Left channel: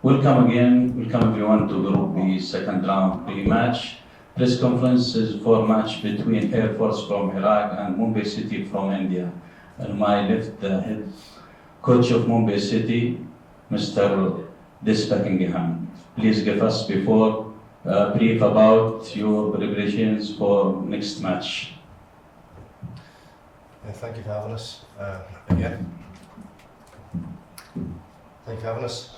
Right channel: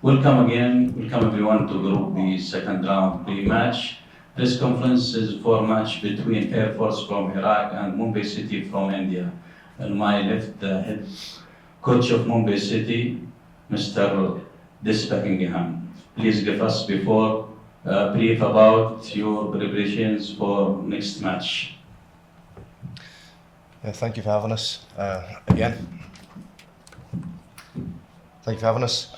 Welcome everyone to Group B second round pre-match. This conference is for match between Air Force from Iraq and Mumbai City from India. On my left, the head coach of Mumbai City, Mr. Buckingham. Please give us before brief about your preparations for next match. Yeah, thank you for having us again. Thank you for having us.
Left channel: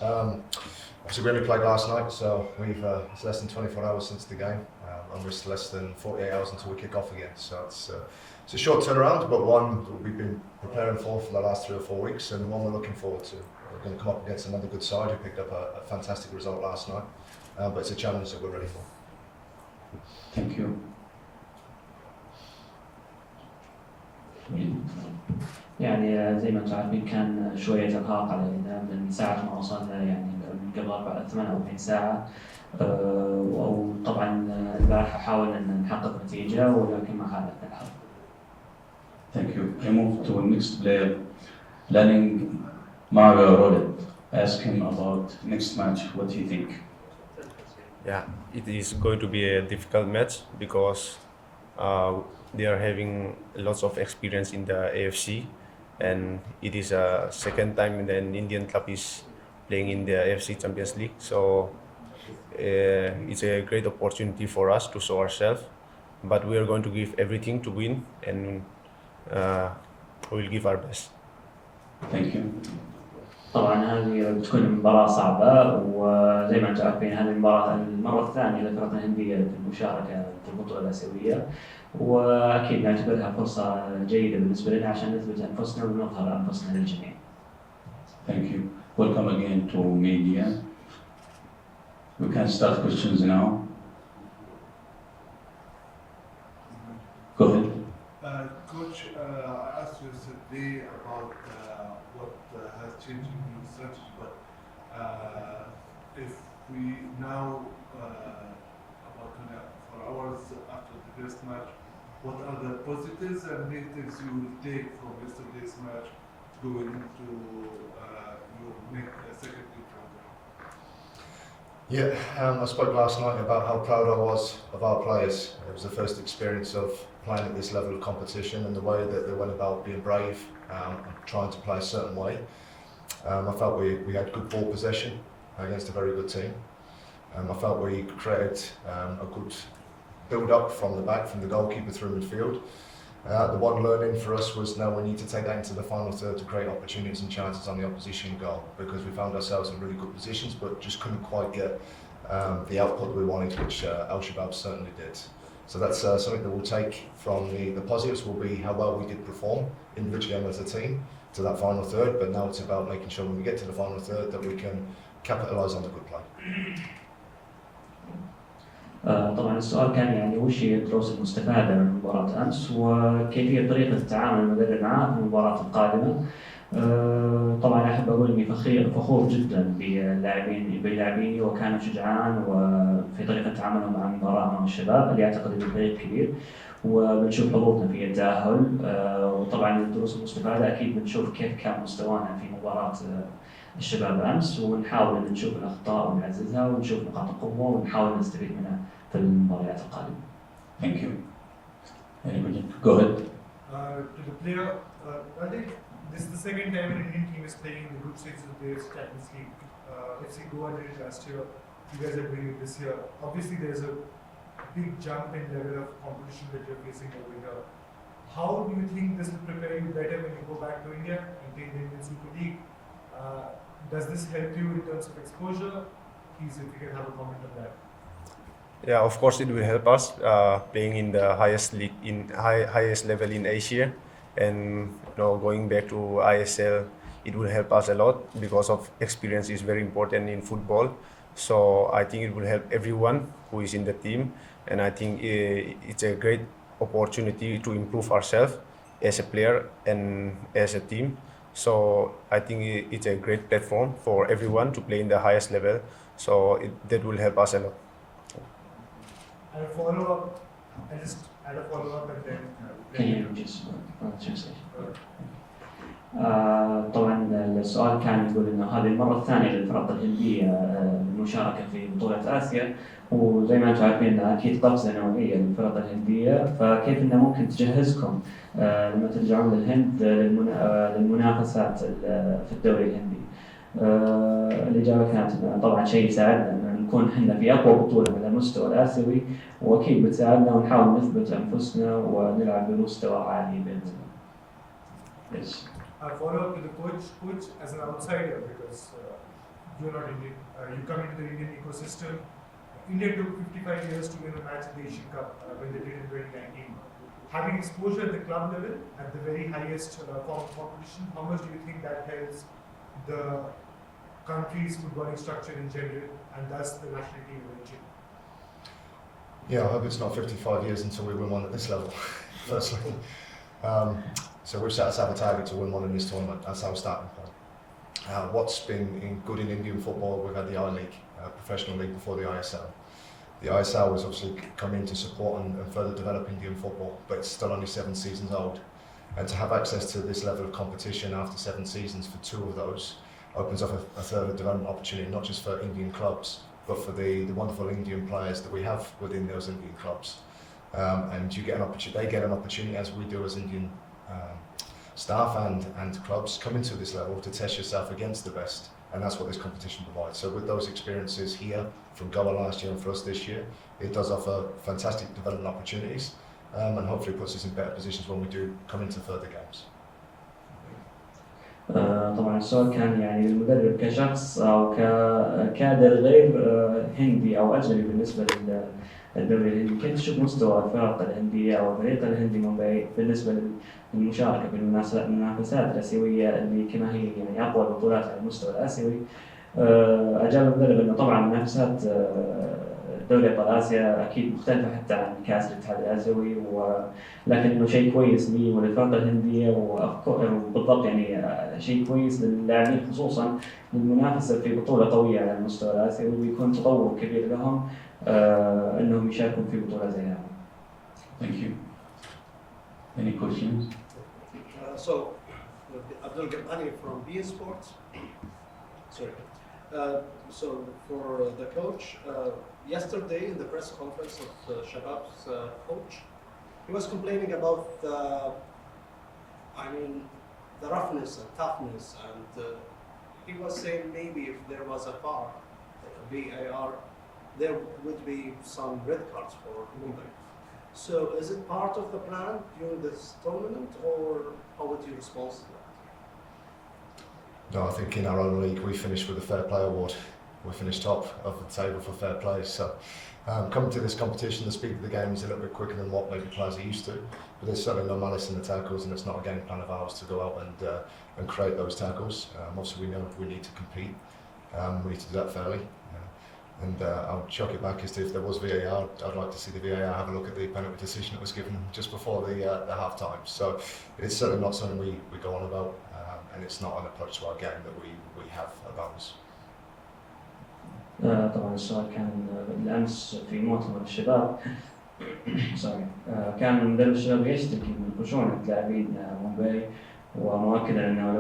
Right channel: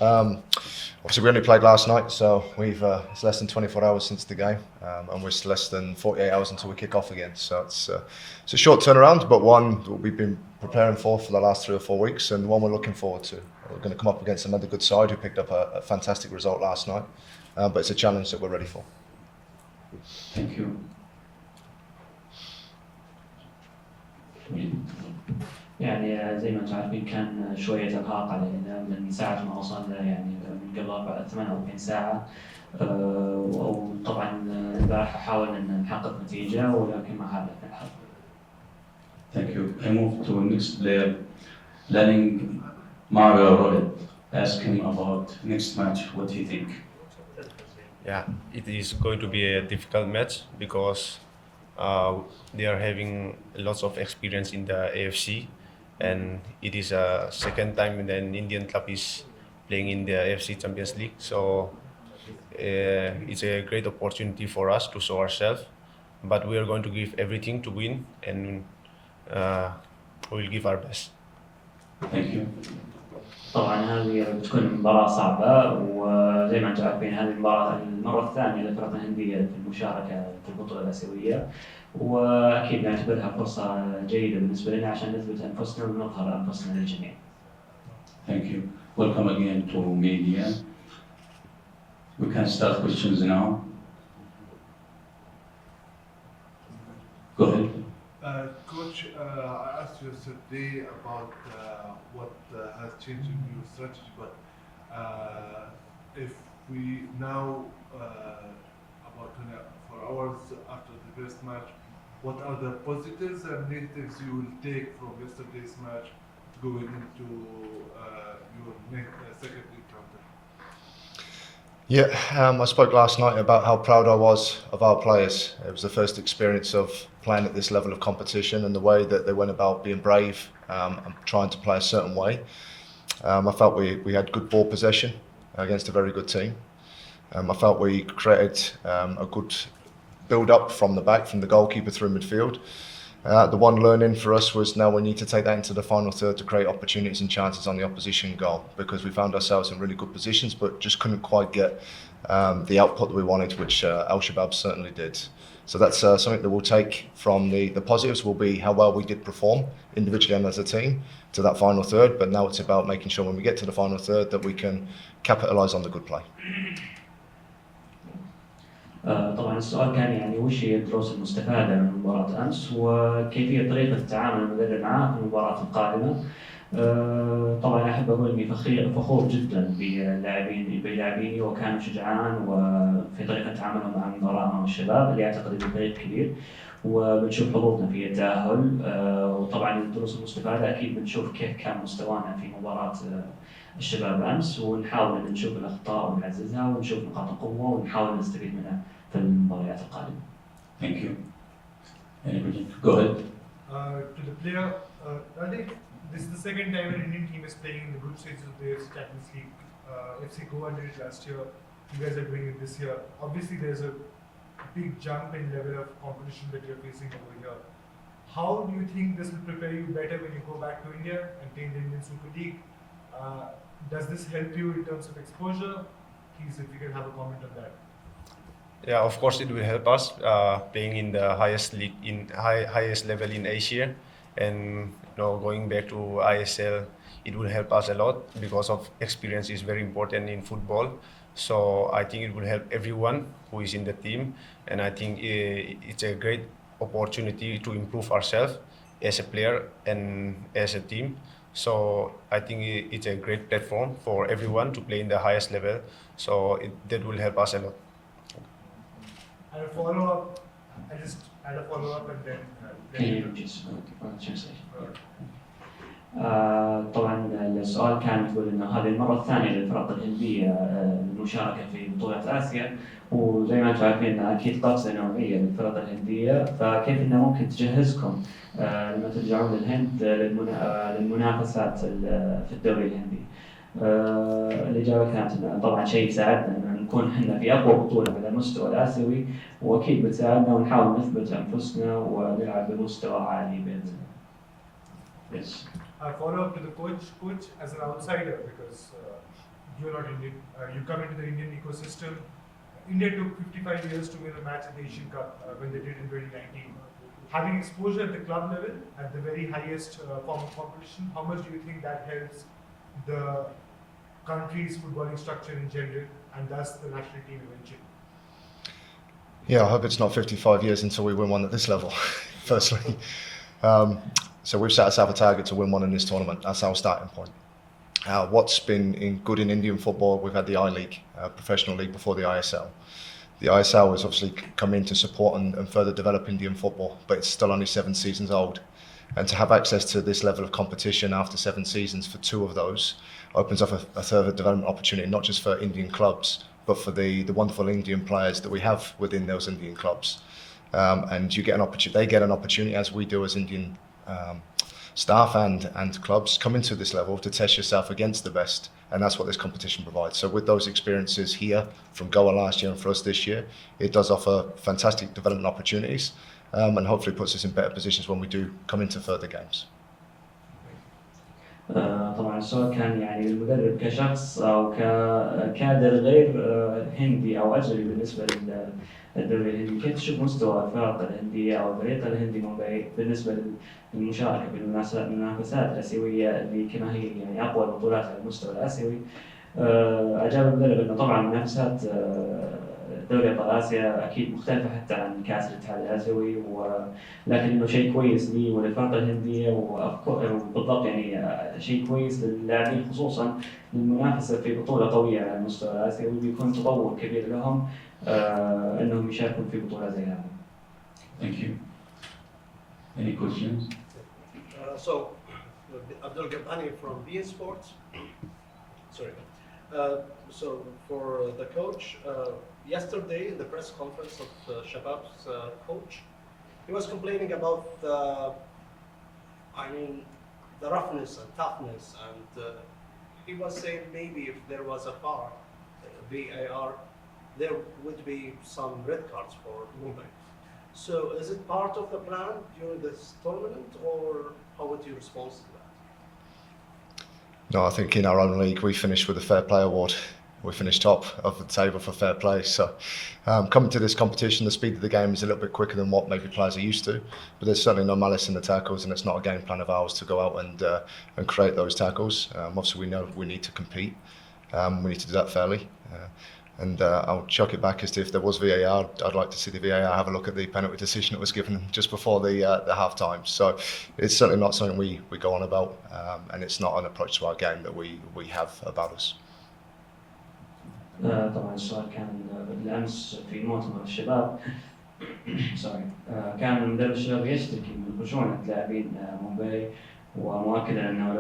Obviously, we only played last night, so it's less than 24 hours since the game, and we're less than 48 hours until we kick off again. So it's a short turnaround, but one that we've been preparing for the last 3 or 4 weeks, and one we're looking forward to. We're going to come up against another good side who picked up a fantastic result last night, but it's a challenge that we're ready for. Thank you. يعني زي ما انتم عارفين كان شوية إرهاق علينا من ساعة ما وصلنا يعني من قبل 48 ساعة وطبعا البارحة حاولنا أن نحقق نتيجة ولكن ما حالفنا الحظ. Thank you. I move to next player, planning Apuia Ralte. Ask him about next match. What do you think? Yeah, it is going to be a difficult match because they are having lots of experience in the AFC, and it is a second time an Indian club is playing in the AFC Champions League. So it's a great opportunity for us to show ourselves, but we are going to give everything to win, and we will give our best. Thank you. طبعا هذه بتكون مباراة صعبة وزي ما انتم عارفين هذه المرة الثانية للفرق الهندية في المشاركة في البطولة الآسيوية وأكيد نعتبرها فرصة جيدة بالنسبة لنا عشان نثبت أنفسنا ونظهر أنفسنا للجميع. Thank you. Welcome again to media. We can start questions now. Go ahead. Coach, I asked you yesterday about what has changed in your strategy, but if we now, about 24 hours after the first match, what are the positives and negatives you will take from yesterday's match going into your second encounter? Yeah, I spoke last night about how proud I was of our players. It was the first experience of playing at this level of competition and the way that they went about being brave and trying to play a certain way. I felt we had good ball possession against a very good team. I felt we created a good build-up from the back, from the goalkeeper through midfield. The one learning for us was now we need to take that into the final third to create opportunities and chances on the opposition goal, because we found ourselves in really good positions but just couldn't quite get the output that we wanted, which Al-Shabaab certainly did. So that's something that we'll take from the positives will be how well we did perform individually and as a team to that final third, but now it's about making sure when we get to the final third that we can capitalise on the good play. طبعا السؤال كان يعني وش هي الدروس المستفادة من مباراة أمس وكيفية طريقة التعامل المدرب معها في المباراة القادمة. طبعا أحب أقول إني فخور جدا بلاعبيني وكانوا شجعان وفي طريقة تعاملهم مع المباراة مع الشباب اللي أعتقد إنه فريق كبير وبنشوف حظوظنا في التأهل. وطبعا الدروس المستفادة أكيد بنشوف كيف كان مستوانا في مباراة الشباب أمس ونحاول أن نشوف الأخطاء ونعززها ونشوف نقاط القوة ونحاول نستفيد منها في المباريات القادمة. Thank you. Anybody? Go ahead. To the player, I think this is the second time an Indian team is playing in the group stages of the Champions League. FC Goa did it last year. You guys are doing it this year. Obviously, there's a big jump in level of competition that you're facing over here. How do you think this will prepare you better when you go back to India and play in the Indian Super League? Does this help you in terms of exposure? Please, if you can have a comment on that. Yeah, of course it will help us playing in the highest league highest level in Asia, and going back to ISL, it will help us a lot because of experience is very important in football. So I think it will help everyone who is in the team, and I think it's a great opportunity to improve ourselves as a player and as a team. So I think it's a great platform for everyone to play in the highest level. So that will help us a lot. And a follow-up, I just add a follow-up and then... Can you just translate? طبعا السؤال كان يقول انه هذه المره الثانيه للفرق الهنديه المشاركه في بطوله اسيا، وزي ما انتم عارفين اكيد قفزه نوعيه للفرق الهنديه، فكيف انه ممكن تجهزكم لما ترجعون للهند للمنافسات في الدوري الهندي؟ الإجابة كانت إنه طبعا شيء يساعدنا إن نكون إحنا في أقوى بطولة على المستوى الآسيوي، وأكيد بتساعدنا ونحاول نثبت أنفسنا ونلعب بمستوى عالي بإذن الله. Yes. A follow-up to the coach as an outsider, because you're not Indian, you come into the Indian ecosystem. India took 55 years to win a match at the Asian Cup when they did in 2019. Having exposure at the club level, at the very highest form of competition, how much do you think that helps the country's footballing structure in general, and thus the national team eventually? Yeah, I hope it's not 55 years until we win one at this level, firstly. So we've set ourselves a target to win one in this tournament. That's our starting point. What's been good in Indian football, we've had the I-League, professional league before the ISL. The ISL has obviously come in to support and further develop Indian football, but it's still only 7 seasons old. And to have access to this level of competition after 7 seasons for 2 of those opens up a further development opportunity, not just for Indian clubs, but for the wonderful Indian players that we have within those Indian clubs. And you get an opportunity, they get an opportunity, as we do as Indian staff and clubs, come into this level to test yourself against the best, and that's what this competition provides. So with those experiences here from Goa last year and for us this year, it does offer fantastic development opportunities, and hopefully puts us in better positions when we do come into further games. طبعا السؤال كان يعني للمدرب كشخص او ككادر غير هندي او اجنبي بالنسبه للدوري الهندي، كيف تشوف مستوى الفرق الهنديه او الفريق الهندي مومباي بالنسبه للمشاركه في المنافسات الاسيويه اللي كما هي يعني اقوى البطولات على المستوى الاسيوي؟ اجاب المدرب انه طبعا منافسات دوري ابطال اسيا اكيد مختلفه حتى عن كاس الاتحاد الاسيوي، ولكن انه شيء كويس لي وللفرق الهنديه وبالضبط يعني شيء كويس للاعبين خصوصا للمنافسه في بطوله قويه على المستوى الاسيوي، وبيكون تطور كبير لهم انهم يشاركون في بطوله زي هذه. Thank you. Any questions? So, Abdul Gabani from BS Sports. Sorry. So, for the coach, yesterday in the press conference of Shabab's coach, he was complaining about the roughness and toughness, and he was saying maybe if there was a VAR, there would be some red cards for Mumbai. So is it part of the plan during this tournament, or how would you respond to that? No, I think in our own league we finished with a fair play award. We finished top of the table for fair play. So coming to this competition, the speed of the game is a little bit quicker than what maybe players are used to. But there's certainly no malice in the tackles, and it's not a game plan of ours to go out and create those tackles. Obviously, we know we need to compete. We need to do that fairly. And I'll chuck it back as to if there was VAR, I'd like to see the VAR have a look at the penalty decision that was given just before the half time. So it's certainly not something we go on about, and it's not an approach to our game that we have about us. طبعا السؤال كان بالامس في مؤتمر الشباب كان مدرب الشباب يشتكي من خشونة لاعبين مومباي، ومؤكدا انه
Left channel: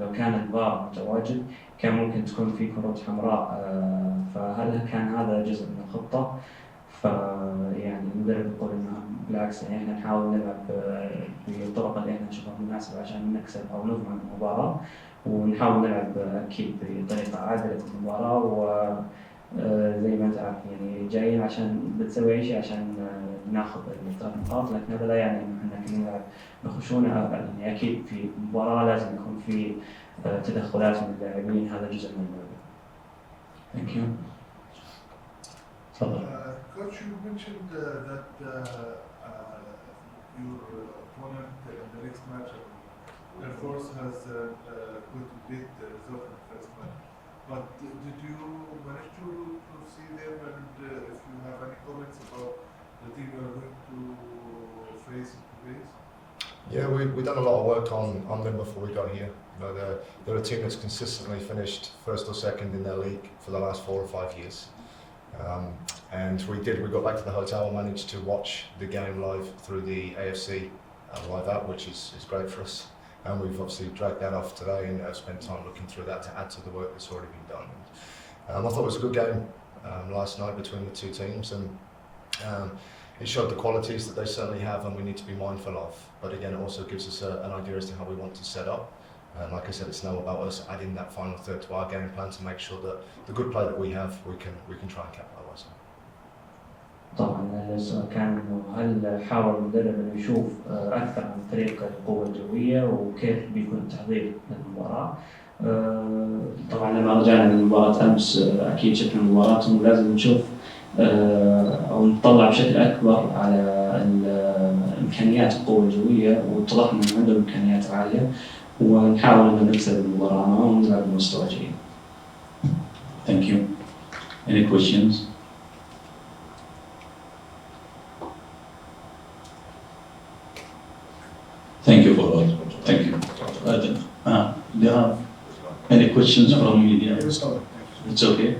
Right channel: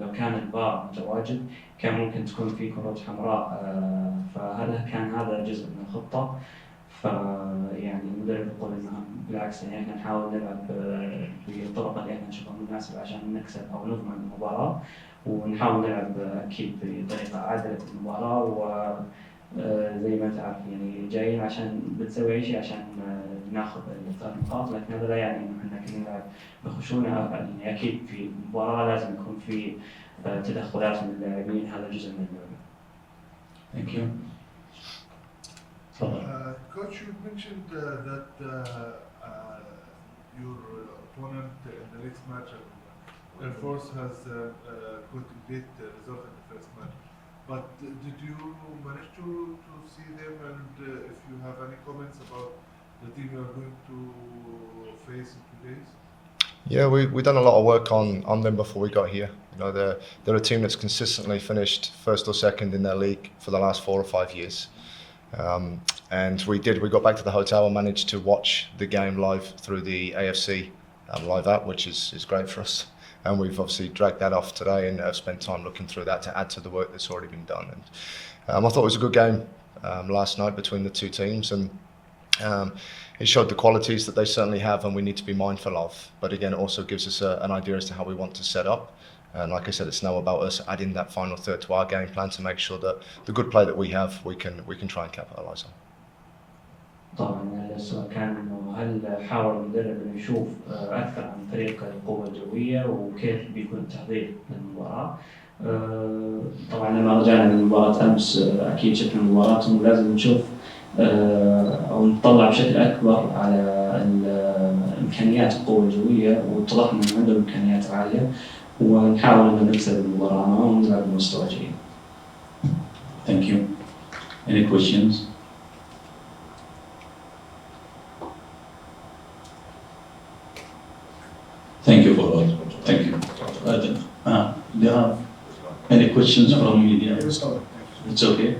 لو كان الفار متواجد كان ممكن تكون في كرات حمراء، فهل كان هذا جزء من الخطة؟ فيعني المدرب يقول انه بالعكس يعني احنا نحاول نلعب بالطرق اللي احنا نشوفها مناسبة عشان نكسب او نضمن المباراة، ونحاول نلعب اكيد بطريقة عادلة المباراة، وزي ما انت عارف يعني جايين عشان بتسوي اي شيء عشان ناخذ الثلاث نقاط، لكن هذا لا يعني انه احنا كنا نلعب بخشونة. يعني اكيد في مباراة لازم يكون في تدخلات من اللاعبين، هذا جزء من اللعبة. Thank you. Coach, you mentioned that your opponent in the next match, Air Force, has quite a bit result in the first match. But did you manage to see them, and if you have any comments about the team you are going to face in 2 days? Yeah, we've done a lot of work on them before we got here. You know, they're a team that's consistently finished first or second in their league for the last 4 or 5 years. And we got back to the hotel and managed to watch the game live through the AFC live app, which is great for us. and we've obviously dragged that off today and have spent time looking through that to add to the work that's already been done. And I thought it was a good game last night between the two teams, and it showed the qualities that they certainly have and we need to be mindful of. But again, it also gives us an idea as to how we want to set up. And like I said, it's now about us adding that final third to our game plan to make sure that the good play that we have, we can try and capitalise on. طبعا السؤال كان انه هل حاول المدرب انه يشوف اكثر عن فريق القوة الجوية وكيف بيكون التحضير للمباراة. طبعا لما رجعنا من مباراة امس اكيد شفنا المباراة انه لازم نشوف او نطلع بشكل اكبر على امكانيات القوة الجوية، واتضح انه عندهم امكانيات عالية ونحاول انه نكسب المباراة معهم ونلعب بمستوى جيد. Thank you. Any questions? Thank you for all. Thank you. Do you have any questions from media? It's okay.